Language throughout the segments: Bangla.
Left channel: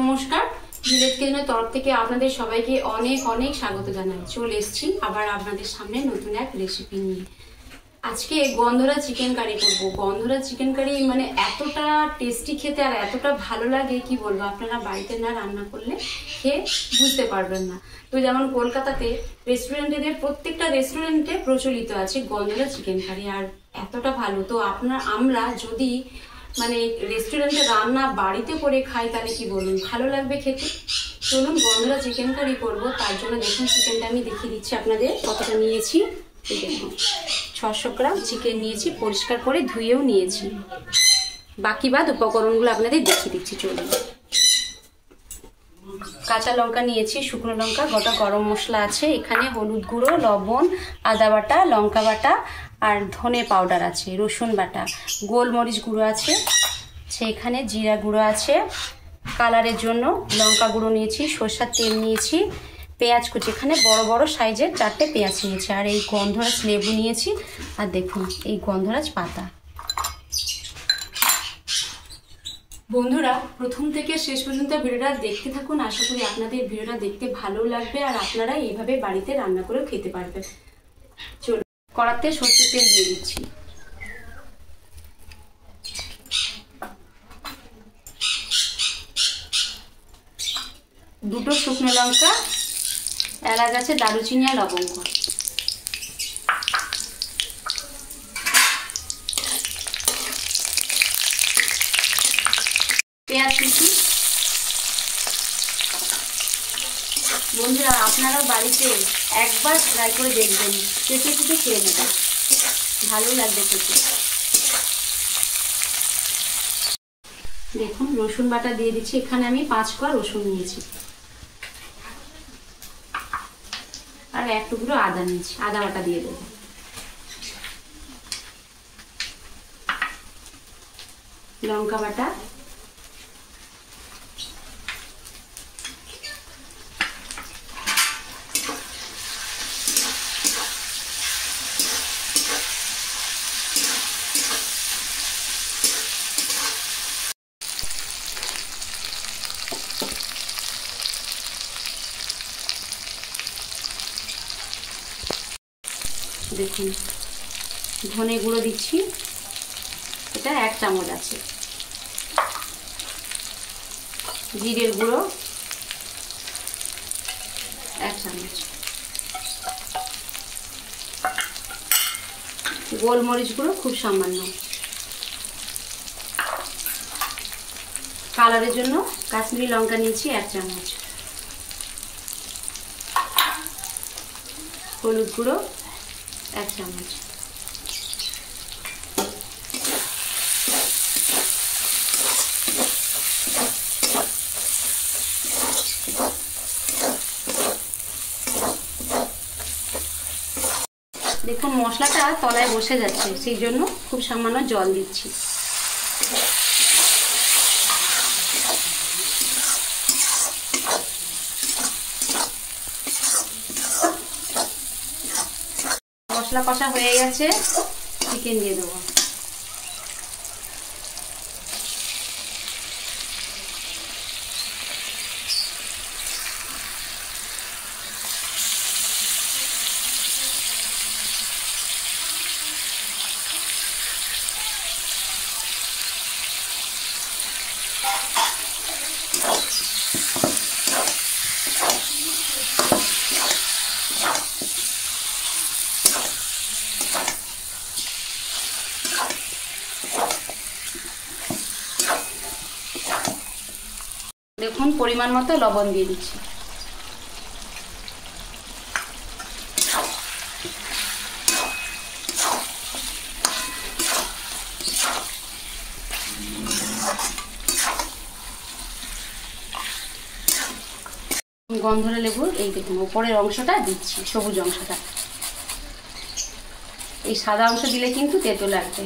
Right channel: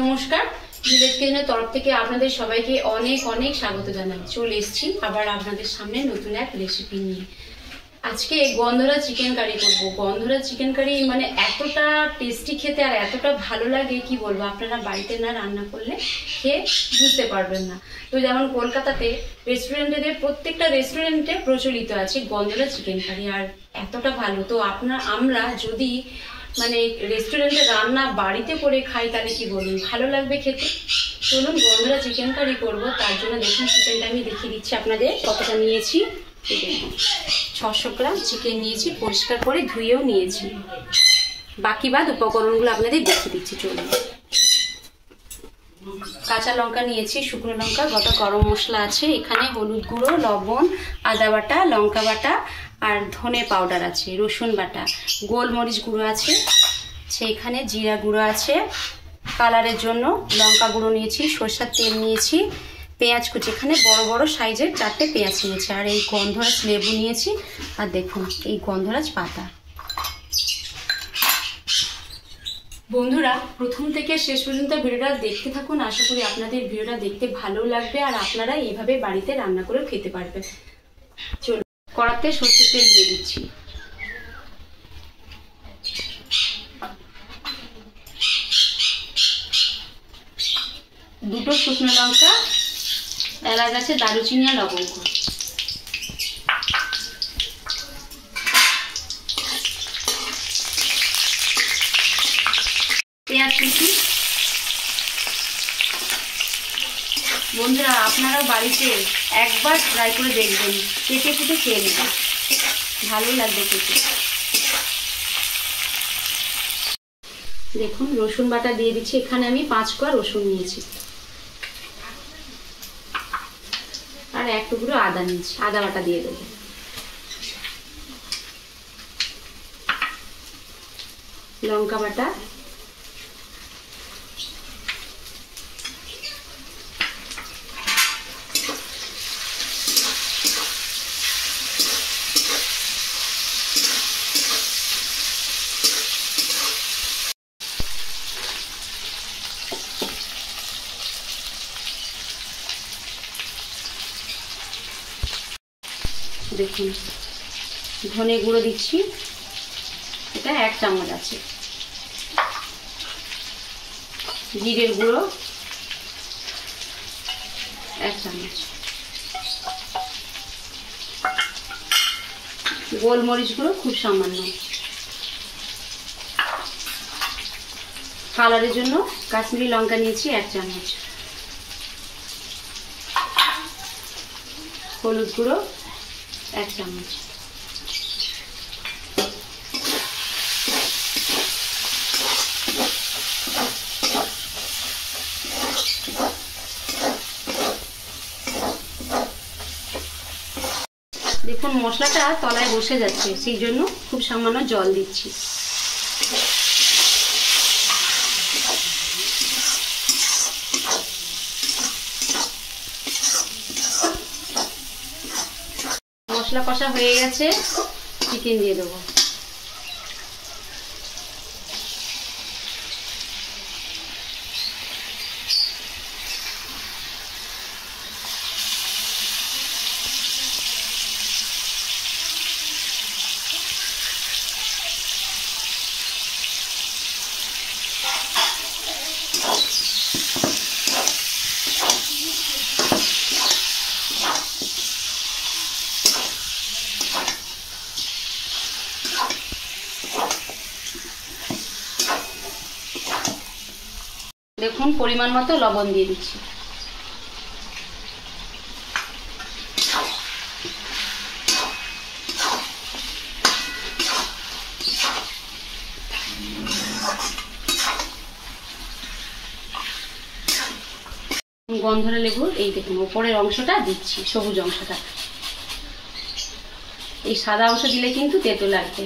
নমস্কার, ভিলেজ কিচেনের তরফ থেকে আপনাদের সবাইকে অনেক অনেক স্বাগত জানাই। চলে এসেছি আবার আপনাদের সামনে নতুন এক রেসিপি নিয়ে। আজকে গন্ধরা চিকেন কারি করব। গন্ধরা চিকেন কারি মানে এতটা টেস্টি খেতে আর এতটা ভালো লাগে কি বলবো, আপনারা বাড়িতে না রান্না করলে খেয়ে বুঝতে পারবেন না। তো যেমন কলকাতাতে রেস্টুরেন্টেদের প্রত্যেকটা রেস্টুরেন্টে প্রচলিত আছে গন্ধরা চিকেন কারি, আর এতটা ভালো। তো আমরা যদি মানে রেস্টুরেন্টে রান্না বাড়িতে করে খাই তাহলে কি বলুন, ভালো লাগবে খেতে। চলুন গন্ধরা চিকেন কারি করবো। তার জন্য দেখুন চিকেনটা আমি দেখিয়ে দিচ্ছি আপনাদের কতটা নিয়েছি। এই দেখুন 600 গ্রাম চিকেন নিয়েছি, পরিষ্কার করে ধুয়েও নিয়েছি। বাকি বাদ উপকরণগুলো আপনাদের দেখিয়ে দিচ্ছি। চলুন, কাঁচা লঙ্কা নিয়েছি, শুকনো লঙ্কা, গোটা গরম মশলা আছে এখানে, হলুদ গুঁড়ো, লবণ, আদা বাটা, লঙ্কা বাটা আর ধনে পাউডার আছে, রসুন বাটা, গোলমরিচ গুঁড়ো আছে, সেখানে জিরা গুঁড়ো আছে, কালারের জন্য লঙ্কা গুঁড়ো নিয়েছি, সরষের তেল নিয়েছি, পেঁয়াজ কুচি, এখানে বড় বড় সাইজের 4টে পেঁয়াজ নিয়েছি, আর এই গন্ধরাজ লেবু নিয়েছি, আর দেখুন এই গন্ধরাজ পাতা। বন্ধুরা প্রথম থেকে শেষ পর্যন্ত ভিডিওটা দেখতে থাকুন, আশা করি আপনাদের ভিডিওটা দেখতে ভালো লাগবে আর আপনারা এইভাবে বাড়িতে রান্না করে খেতে পারবেন। চলুন, কড়াতে সরষের তেল দিয়ে দিচ্ছি। দুটো শুকনো লঙ্কা, এলাচ আছে, দারুচিনি আর লবঙ্গ। পেঁয়াজ কুচি। বন্ধুরা আপনারাও বাড়িতে একবার ট্রাই করে দেখবেন, কেটে কেটে খেয়ে নেবেন, ভালো লাগবে খেতে। দেখুন রসুন বাটা দিয়ে দিচ্ছি, এখানে আমি 5 কোয়া রসুন নিয়েছি, আর 1 টুকরো আদা নিয়েছি, আদা বাটা দিয়ে দেবো। লঙ্কা বাটা, দেখুন ধনে গুঁড়ো দিচ্ছি, এটা 1 চামচ আছে, জিরের গুঁড়ো 1 চামচ, গোলমরিচ গুঁড়ো খুব সামান্য, কালারের জন্য কাশ্মীরি লঙ্কা নিয়েছি 1 চামচ, হলুদ গুঁড়ো 1 চামচ, দেখুন মশলাটা তলায় বসে যাচ্ছে, সেই জন্য খুব সামান্য জল দিচ্ছি। মশলা কষা হয়ে গেছে, চিকেন দিয়ে দেবো। দেখুন পরিমাণ মতো লবণ দিয়ে দিচ্ছি। গন্ধরা লেবুর এই দেখুন উপরের অংশটা দিচ্ছি, সবুজ অংশটা। এই সাদা অংশ দিলে কিন্তু তেতো লাগবে।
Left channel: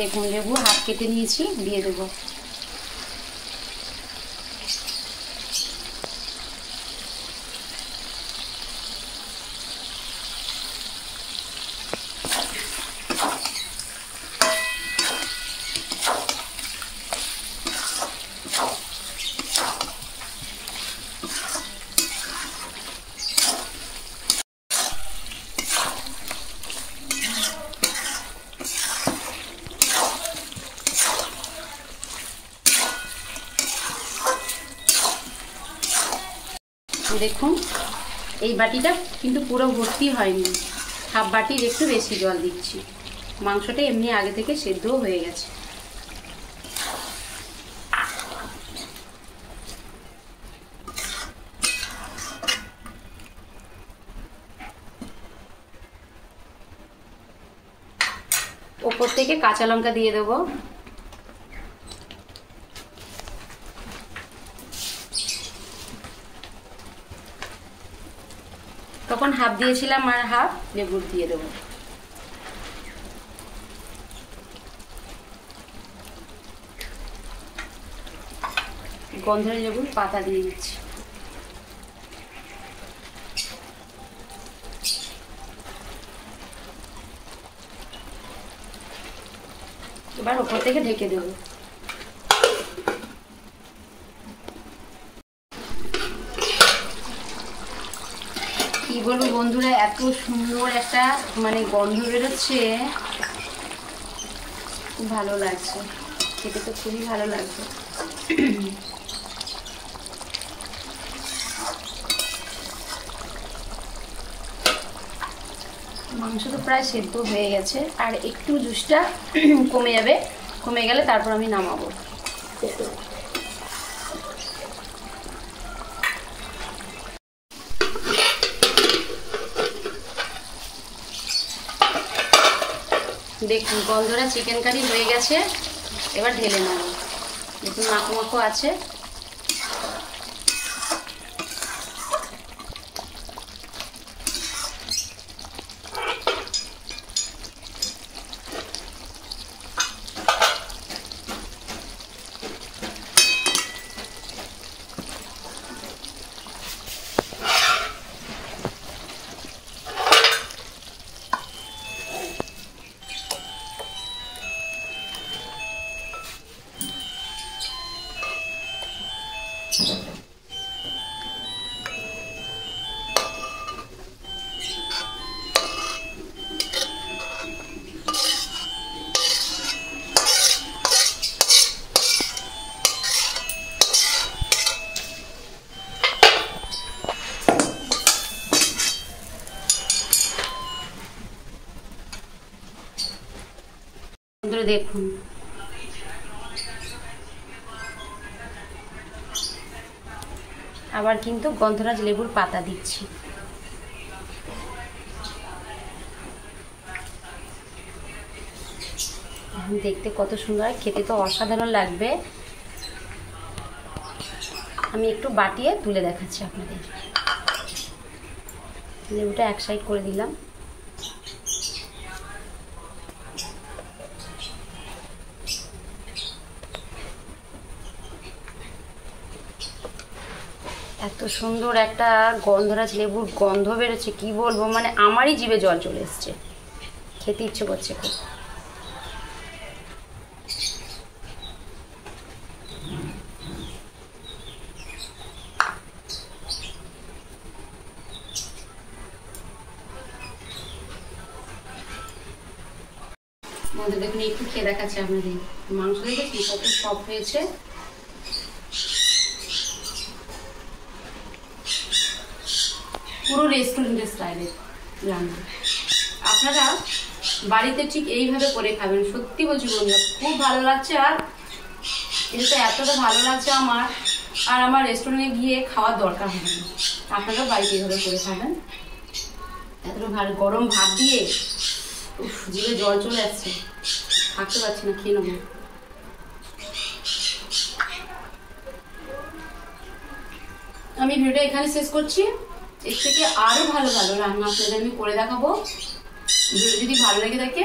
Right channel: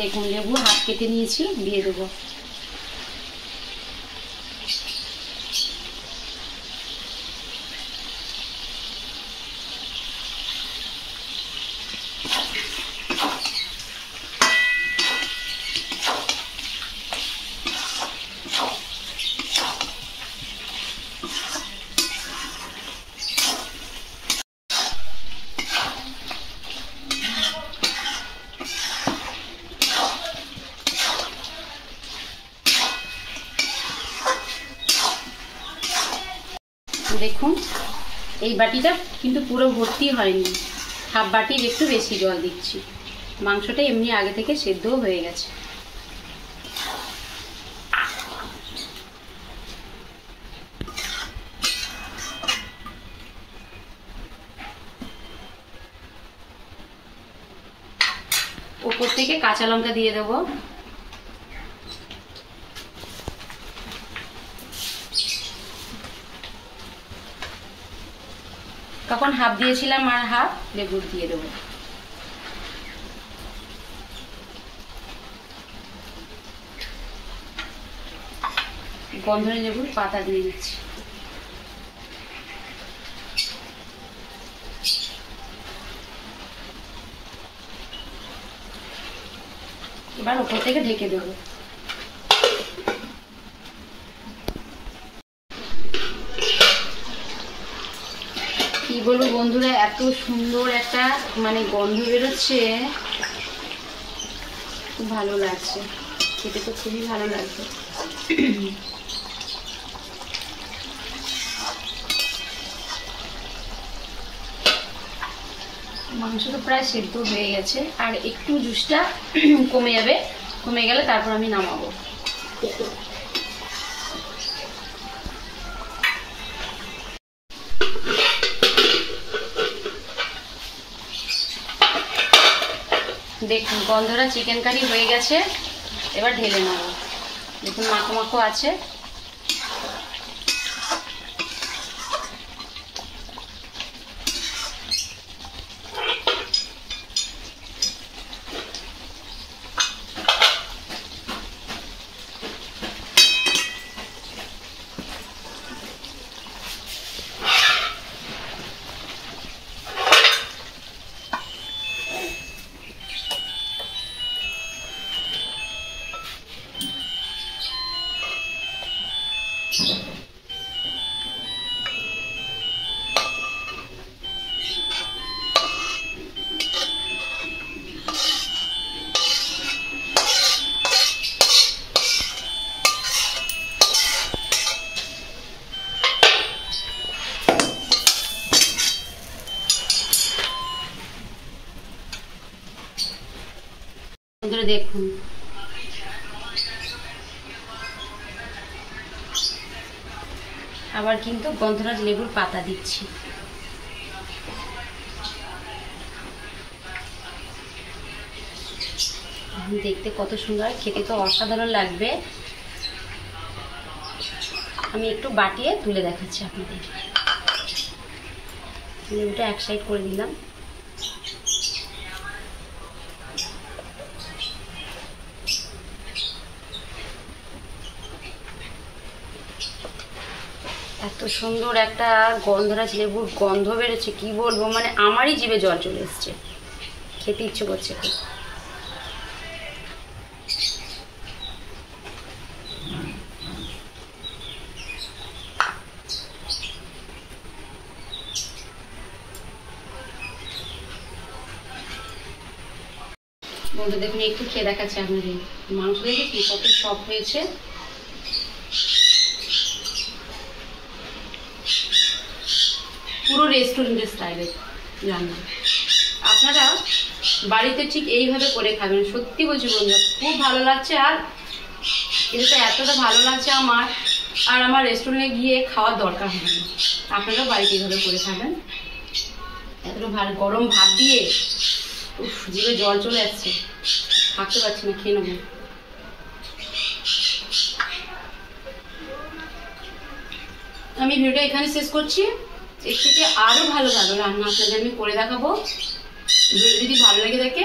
দেখুন লেবু হাফ কেটে নিয়েছি, দিয়ে দেবো। দেখুন এই বাটিটা কিন্তু পুরো ভর্তি হয়নি, হাফ বাটির একটু বেশি জল দিচ্ছি। মাংসটা এমনি আগে থেকে সেদ্ধও হয়ে গেছে। ওপর থেকে কাঁচা লঙ্কা দিয়ে দেবো। তখন হাফ দিয়েছিলাম আর হাফ লেবুর দিয়ে দেবো। গন্ধরাজ লেবুর পাতা দিয়ে দিচ্ছি। এবার ওপর থেকে ঢেকে দেবো। কি বলবো বন্ধুরা, এত সুন্দর একটা মানে গন্ধ বেরোচ্ছে, খুব ভালো লাগছে খেতে, তো খুবই ভালো লাগছে। মাংস তো প্রায় সেদ্ধ হয়ে গেছে, আর একটু জুসটা কমে যাবে, কমে গেলে তারপর আমি নামাবো। দেখুন গন্ধরাজ চিকেন কারি হয়ে গেছে, এবার ঢেলে নেব। দেখুন মাখো মাখো আছে। দেখুন আবার কিন্তু গন্ধরাজ লেবুর পাতা দিচ্ছি। দেখতে কত সুন্দর, খেতে তো অসাধারণ লাগবে। আমি একটু বাটিয়ে তুলে দেখাচ্ছি আপনাদের। লেবুটা এক সাইড করে দিলাম। এত সুন্দর একটা গন্ধরাজ লেবুর গন্ধ বেরোচ্ছে, কি বলবো, মানে আমারই জিভে জল চলে এসছে, খেতে ইচ্ছে করছে খুব। বন্ধু দেখুন একটু খেয়ে দেখাচ্ছে আপনাদের। মাংস দেখেছি কত সফট হয়েছে। পুরো রেস্টুরেন্টের স্টাইলে রান্না। আপনারা বাড়িতে ঠিক এইভাবে করে খাবেন, সত্যি বলছি বন্ধুরা খুব ভালো লাগছে। আর এটা এতটা ভালো লাগছে আমার, আর আমার রেস্টুরেন্টে গিয়ে খাওয়ার দরকার হবে না। আপনারাও বাড়িতে এইভাবে করে খাবেন। এতটা ভালো গরম ভাত দিয়ে জিভে জল চলে যাচ্ছে, থাকতে পারছি না, খেয়ে নেবো। আমি ভিডিওটা এখানে শেষ করছি। এর থেকে আরো ভালো ভালো রান্না আপনাদের আমি করে দেখাবো। যদি ভালো লেগে থাকে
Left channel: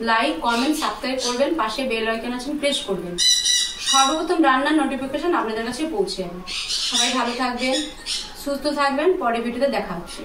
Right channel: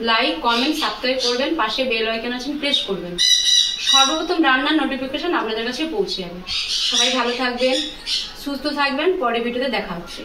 লাইক, কমেন্ট, সাবস্ক্রাইব করবেন, পাশে বেল আইকন আছে প্রেস করবেন। সর্বপ্রথম রান্নার নোটিফিকেশন আপনাদের কাছে পৌঁছে যাবে। সবাই ভালো থাকবেন, সুস্থ থাকবেন, পরের ভিডিওতে দেখা হচ্ছে।